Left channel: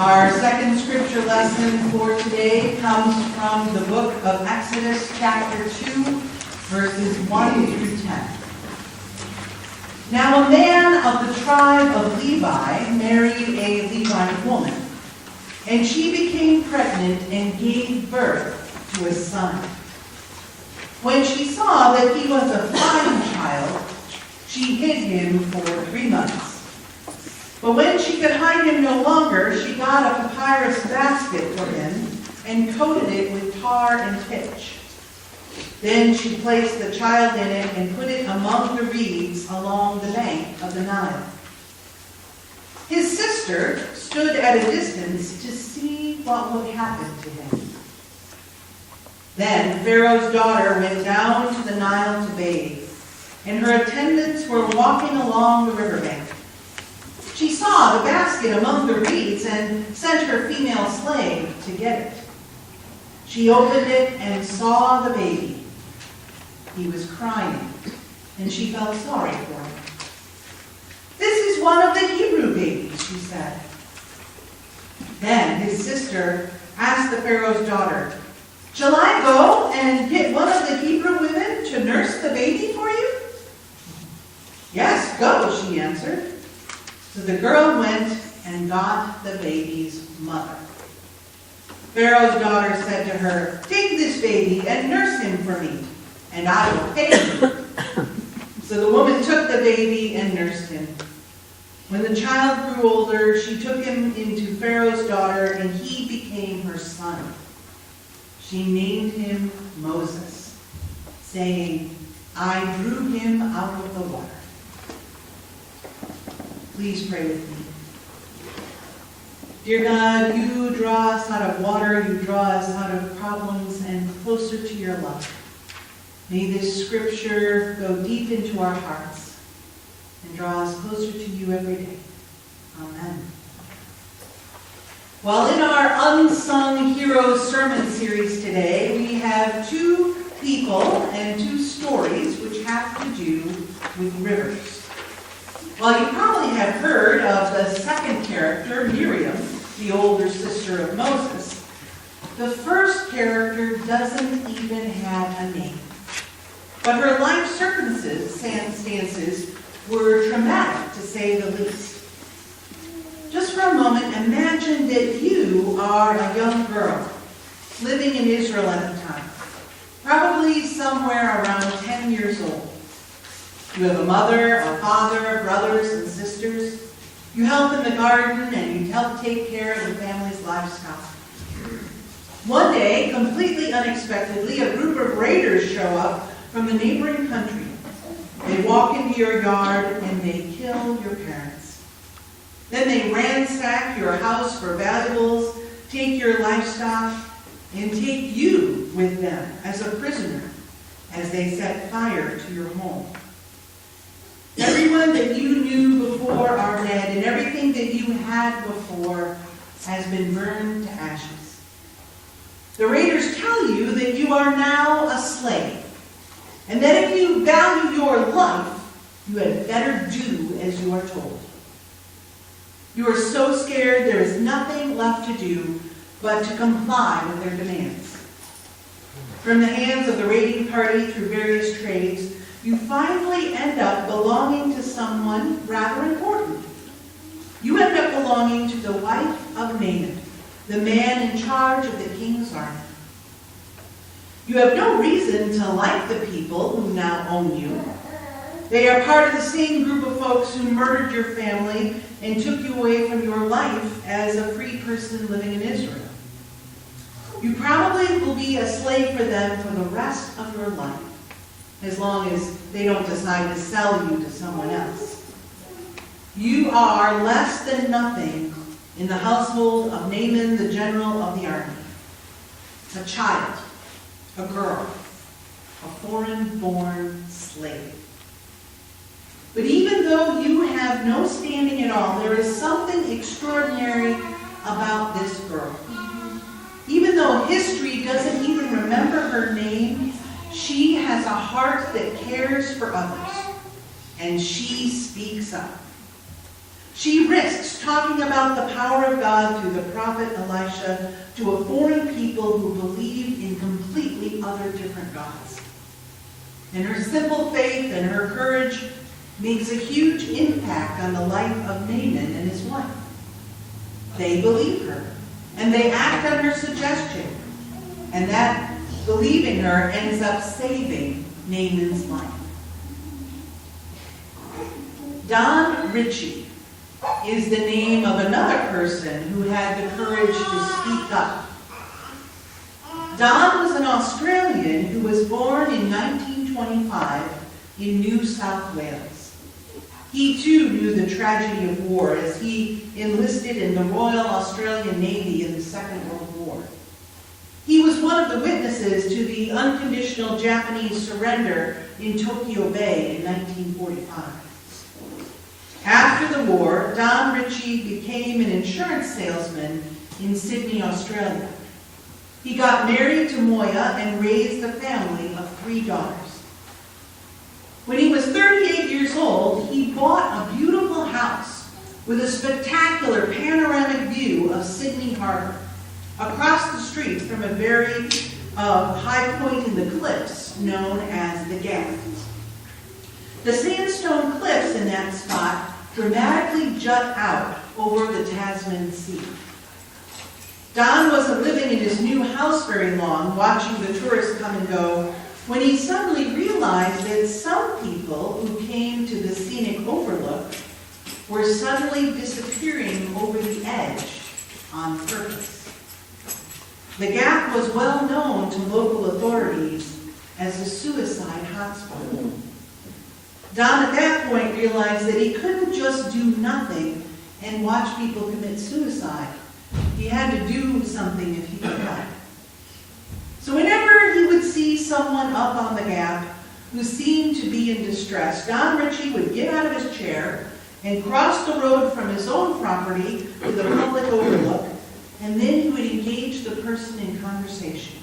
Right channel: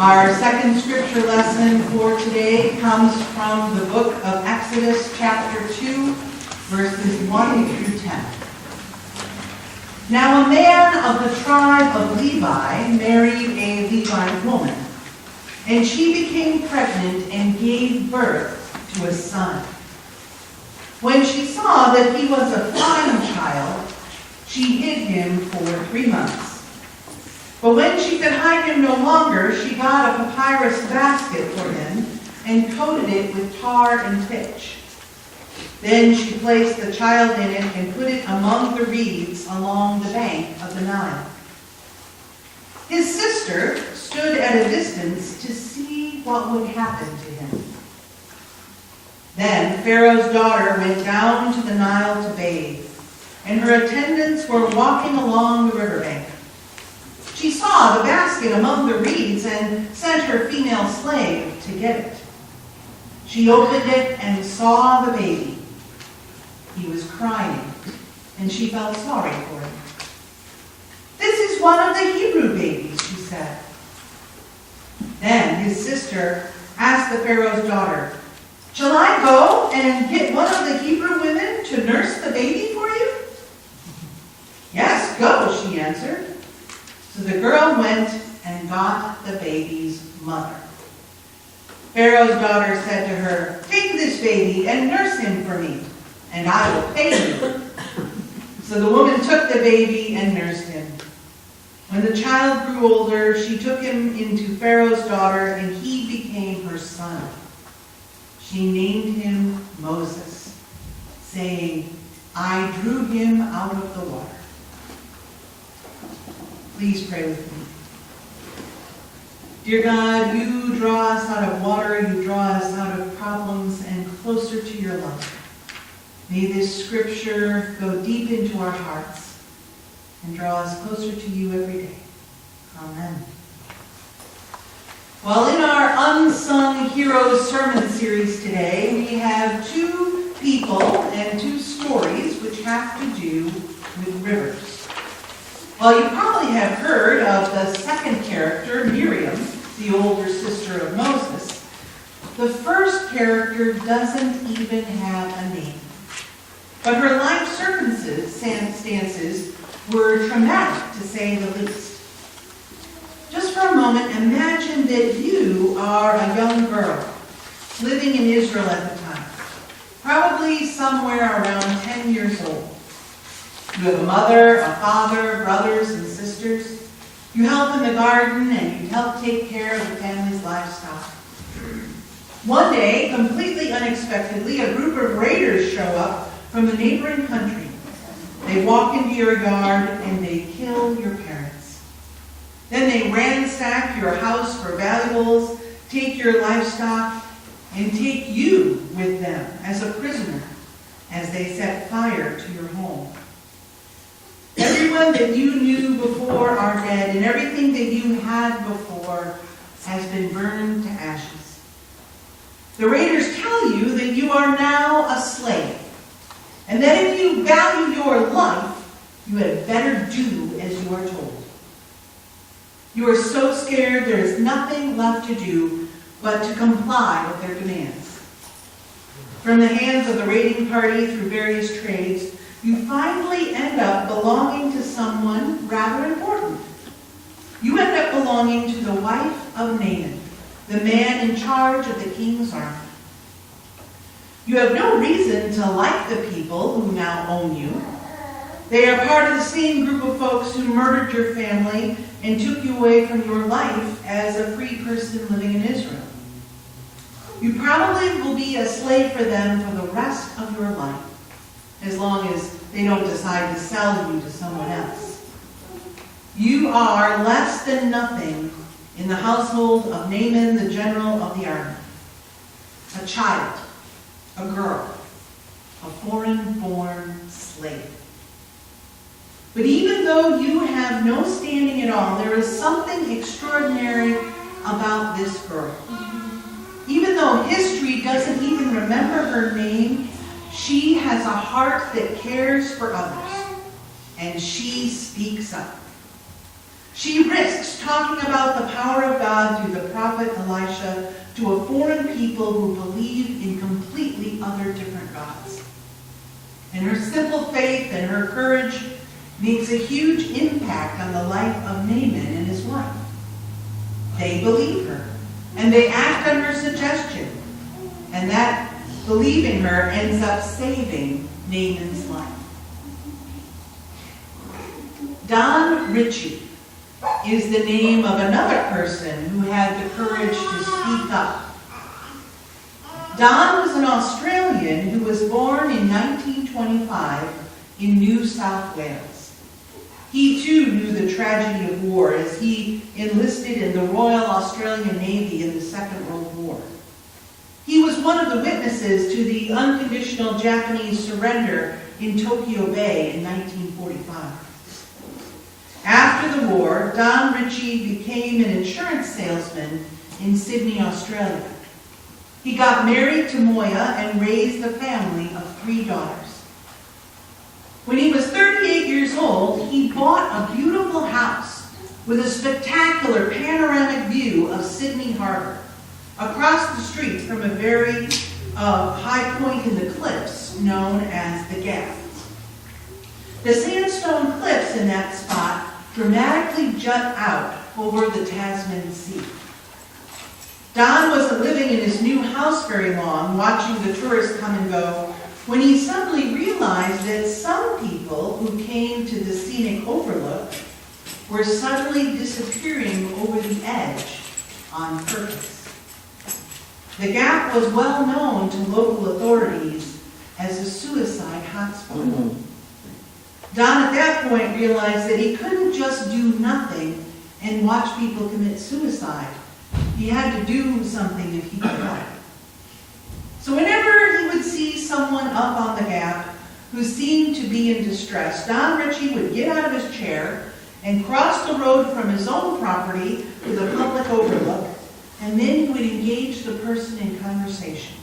Our second scripture lesson for today comes from the book of Exodus, chapter 2, verses 1 through 10. Now a man of the tribe of Levi married a Levite woman, and she became pregnant and gave birth to a son. When she saw that he was a fine child, she hid him for 3 months. But when she could hide him no longer, she got a papyrus basket for him and coated it with tar and pitch. Then she placed the child in it and put it among the reeds along the bank of the Nile. His sister stood at a distance to see what would happen to him. Then Pharaoh's daughter went down to the Nile to bathe, and her attendants were walking along the riverbank. She saw the basket among the reeds and sent her female slave to get it. She opened it and saw the baby. He was crying, and she felt sorry for him. "This is one of the Hebrew babies," she said. Then his sister asked the Pharaoh's daughter, "Shall I go and get one of the Hebrew women to nurse the baby for you?" "Yes, go," she answered. So the girl went and got the baby's mother. Pharaoh's daughter said to her, "Take this baby and nurse him for me, and I will pay you." So the woman took the baby and nursed him. When the child grew older, she took him into Pharaoh's daughter, and he became her son. She named him Moses, saying, "I drew him out of the water." Please pray with me. Dear God, you draw us out of water, you draw us out of problems and closer to your love. May this scripture go deep into our hearts and draw us closer to you every day. Amen. Well, in our Unsung Heroes sermon series today, we have 2 people and 2 stories which have to do with rivers. Well, you probably have heard of the second character, Miriam, the older sister of Moses. The first character doesn't even have a name. But her life circumstances were traumatic, to say the least. Just for a moment, imagine that you are a young girl living in Israel at the time, probably somewhere around 10 years old. You have a mother, a father, brothers and sisters. You help in the garden and you help take care of the family's livestock. One day, completely unexpectedly, a group of raiders show up from the neighboring country. They walk into your yard and they kill your parents. Then they ransack your house for valuables, take your livestock, and take you with them as a prisoner as they set fire to your home. Everyone that you knew before are dead, and everything that you had before has been burned to ashes. The raiders tell you that you are now a slave, and that if you value your life, you had better do as you are told. You are so scared there is nothing left to do but to comply with their demands. From the hands of the raiding party through various trades, you finally end up belonging to someone rather important. You end up belonging to the wife of Naaman, the man in charge of the king's army. You have no reason to like the people who now own you. They are part of the same group of folks who murdered your family and took you away from your life as a free person living in Israel. You probably will be a slave for them for the rest of your life, as long as they don't decide to sell you to someone else. You are less than nothing in the household of Naaman, the general of the army. A child, a girl, a foreign-born slave. But even though you have no standing at all, there is something extraordinary about this girl. Even though history doesn't even remember her name, she has a heart that cares for others, and she speaks up. She risks talking about the power of God through the prophet Elisha to a foreign people who believe in completely other different gods. And her simple faith and her courage makes a huge impact on the life of Naaman and his wife. They believe her, and they act on her suggestion. And that believing her ends up saving Naaman's life. Don Ritchie is the name of another person who had the courage to speak up. Don was an Australian who was born in 1925 in New South Wales. He too knew the tragedy of war as he enlisted in the Royal Australian Navy in the Second World War. He was one of the witnesses to the unconditional Japanese surrender in Tokyo Bay in 1945. After the war, Don Ritchie became an insurance salesman in Sydney, Australia. He got married to Moya and raised a family of 3 daughters. When he was 38 years old, he bought a beautiful house with a spectacular panoramic view of Sydney Harbour, across the street from a very high point in the cliffs known as the Gap. The sandstone cliffs in that spot dramatically jut out over the Tasman Sea. Don wasn't living in his new house very long, watching the tourists come and go, when he suddenly realized that some people who came to the scenic overlook were suddenly disappearing over the edge on purpose. The Gap was well known to local authorities as a suicide hotspot. Don at that point realized that he couldn't just do nothing and watch people commit suicide. He had to do something if he could help. So whenever he would see someone up on the Gap who seemed to be in distress, Don Ritchie would get out of his chair and cross the road from his own property to the public overlook, and then he would engage the person in conversation.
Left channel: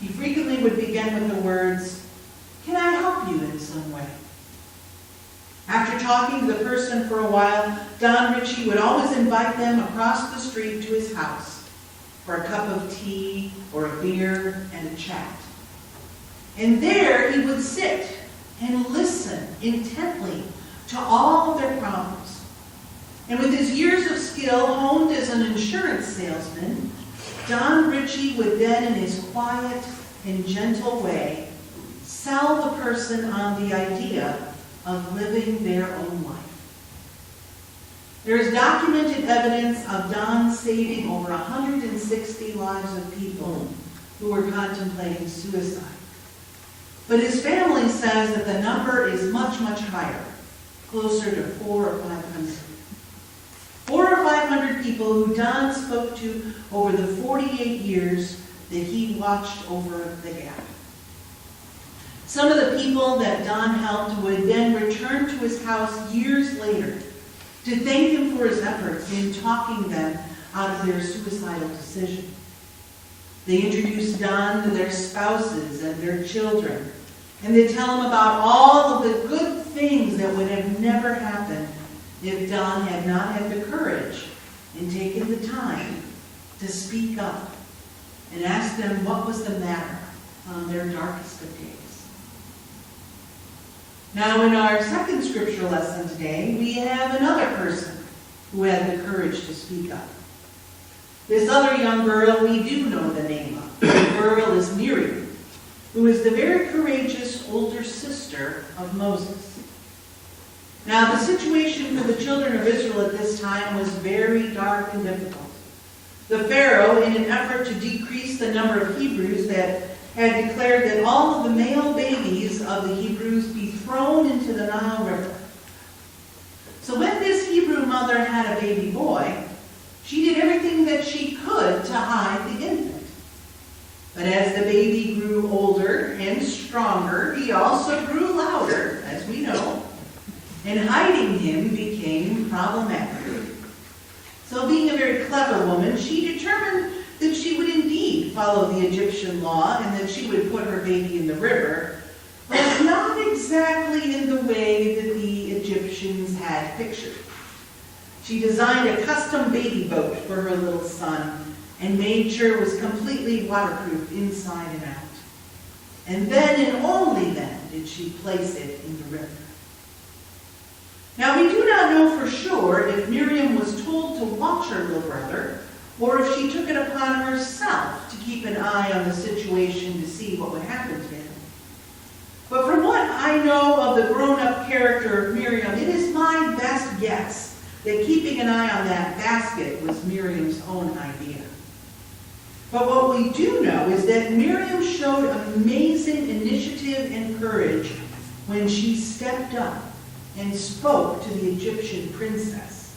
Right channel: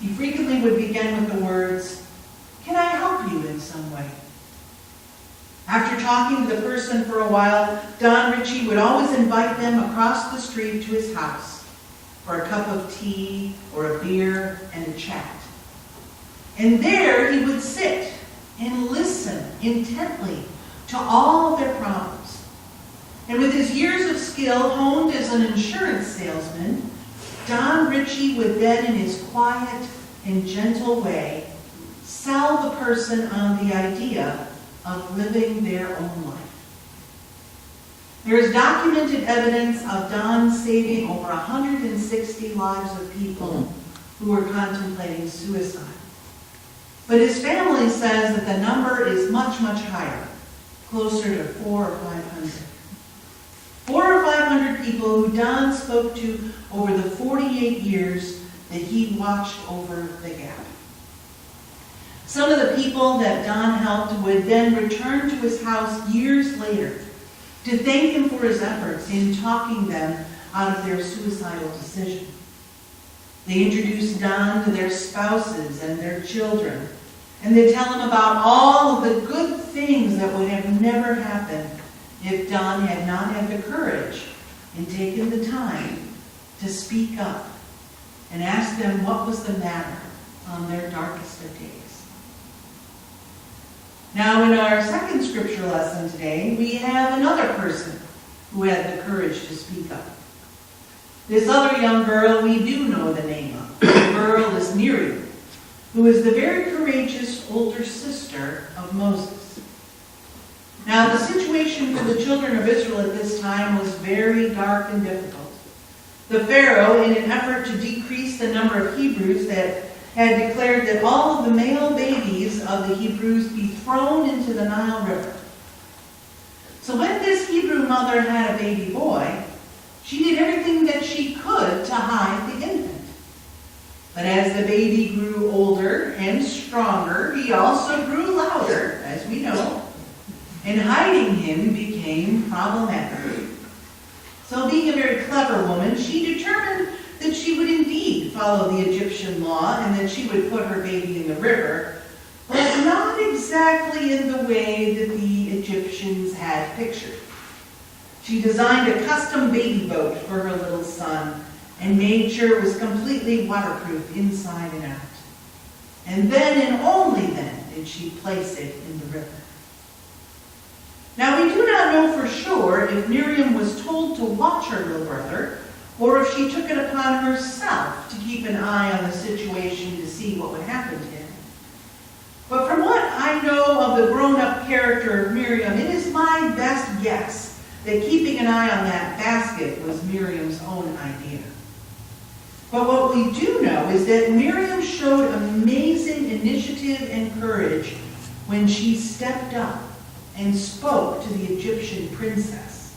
He frequently would begin with the words, "Can I help you in some way?" After talking to the person for a while, Don Ritchie would always invite them across the street to his house for a cup of tea or a beer and a chat. And there he would sit and listen intently to all of their problems. And with his years of skill honed as an insurance salesman, Don Ritchie would then, in his quiet and gentle way, sell the person on the idea of living their own life. There is documented evidence of Don saving over 160 lives of people who were contemplating suicide. But his family says that the number is much, much higher, closer to 400 or 500. 400 or 500 people who Don spoke to over the 48 years that he watched over the Gap. Some of the people that Don helped would then return to his house years later to thank him for his efforts in talking them out of their suicidal decision. They introduced Don to their spouses and their children, and they tell him about all of the good things that would have never happened if Don had not had the courage and taken the time to speak up and ask them what was the matter on their darkest of days. Now, in our second scripture lesson today, we have another person who had the courage to speak up. This other young girl we do know the name of. The girl is Miriam, who is the very courageous older sister of Moses. Now, the situation for the children of Israel at this time was very dark and difficult. The Pharaoh, in an effort to decrease the number of Hebrews that had declared that all of the male babies of the Hebrews be thrown into the Nile River. So when this Hebrew mother had a baby boy, she did everything that she could to hide the infant. But as the baby grew older and stronger, he also grew louder, as we know, and hiding him became problematic. So being a very clever woman, she determined that she would indeed follow the Egyptian law and that she would put her baby in the river, but not exactly in the way that the Egyptians had pictured. She designed a custom baby boat for her little son and made sure it was completely waterproof inside and out. And then and only then did she place it in the river. Now, we do not know for sure if Miriam was told to watch her little brother or if she took it upon herself to keep an eye on the situation to see what would happen to him. But from what I know of the grown-up character of Miriam, it is my best guess that keeping an eye on that basket was Miriam's own idea. But what we do know is that Miriam showed amazing initiative and courage when she stepped up and spoke to the Egyptian princess.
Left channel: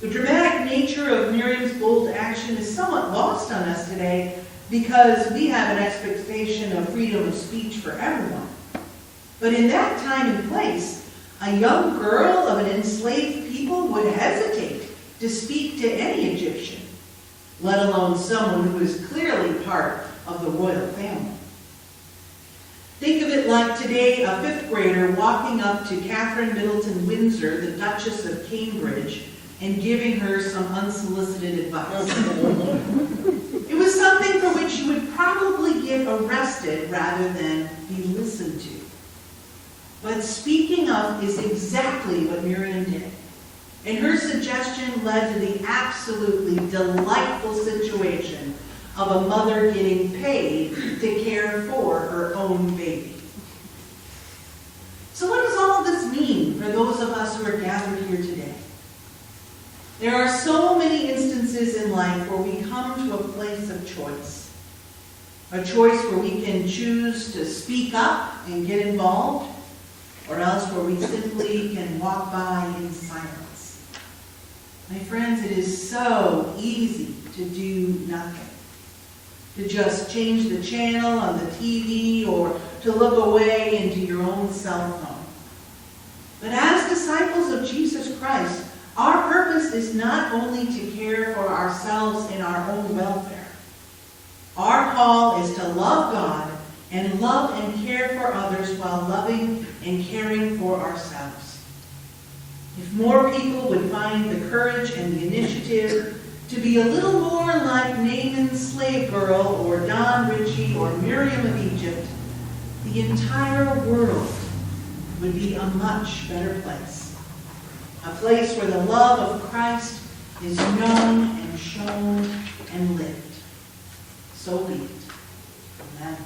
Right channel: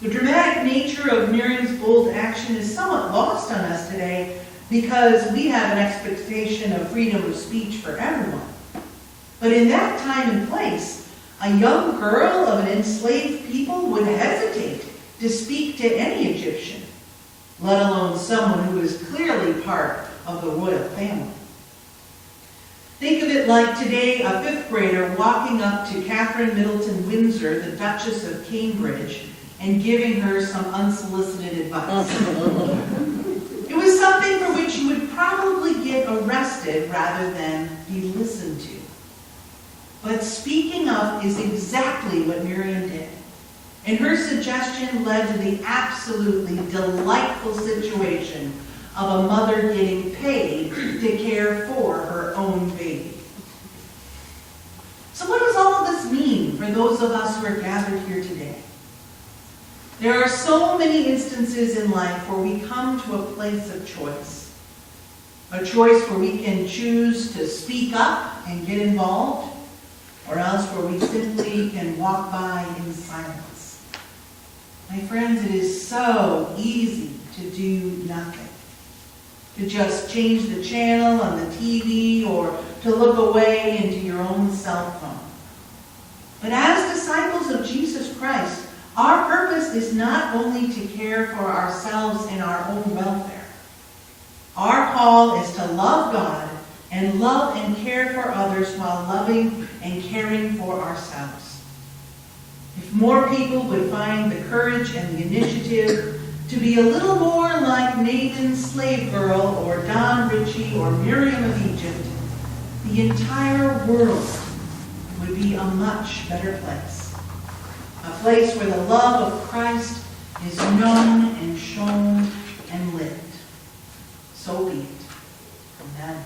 The dramatic nature of Miriam's bold action is somewhat lost on us today because we have an expectation of freedom of speech for everyone. But in that time and place, a young girl of an enslaved people would hesitate to speak to any Egyptian, let alone someone who was clearly part of the royal family. Think of it like today a fifth grader walking up to Catherine Middleton Windsor, the Duchess of Cambridge, and giving her some unsolicited advice. It was something for which you would probably get arrested rather than be listened to. But speaking up is exactly what Miriam did. And her suggestion led to the absolutely delightful situation of a mother getting paid to care for her own baby. So what does all of this mean for those of us who are gathered here today? There are so many instances in life where we come to a place of choice. A choice where we can choose to speak up and get involved, or else where we simply can walk by in silence. My friends, it is so easy to do nothing. To just change the channel on the TV or to look away into your own cell phone. But as disciples of Jesus Christ, our purpose is not only to care for ourselves and our own welfare. Our call is to love God and love and care for others while loving and caring for ourselves. If more people would find the courage and the initiative to be a little more like Naaman's slave girl or Don Ritchie or Miriam of Egypt, the entire world would be a much better place. A place where the love of Christ is known and shown and lived. So be it. Amen.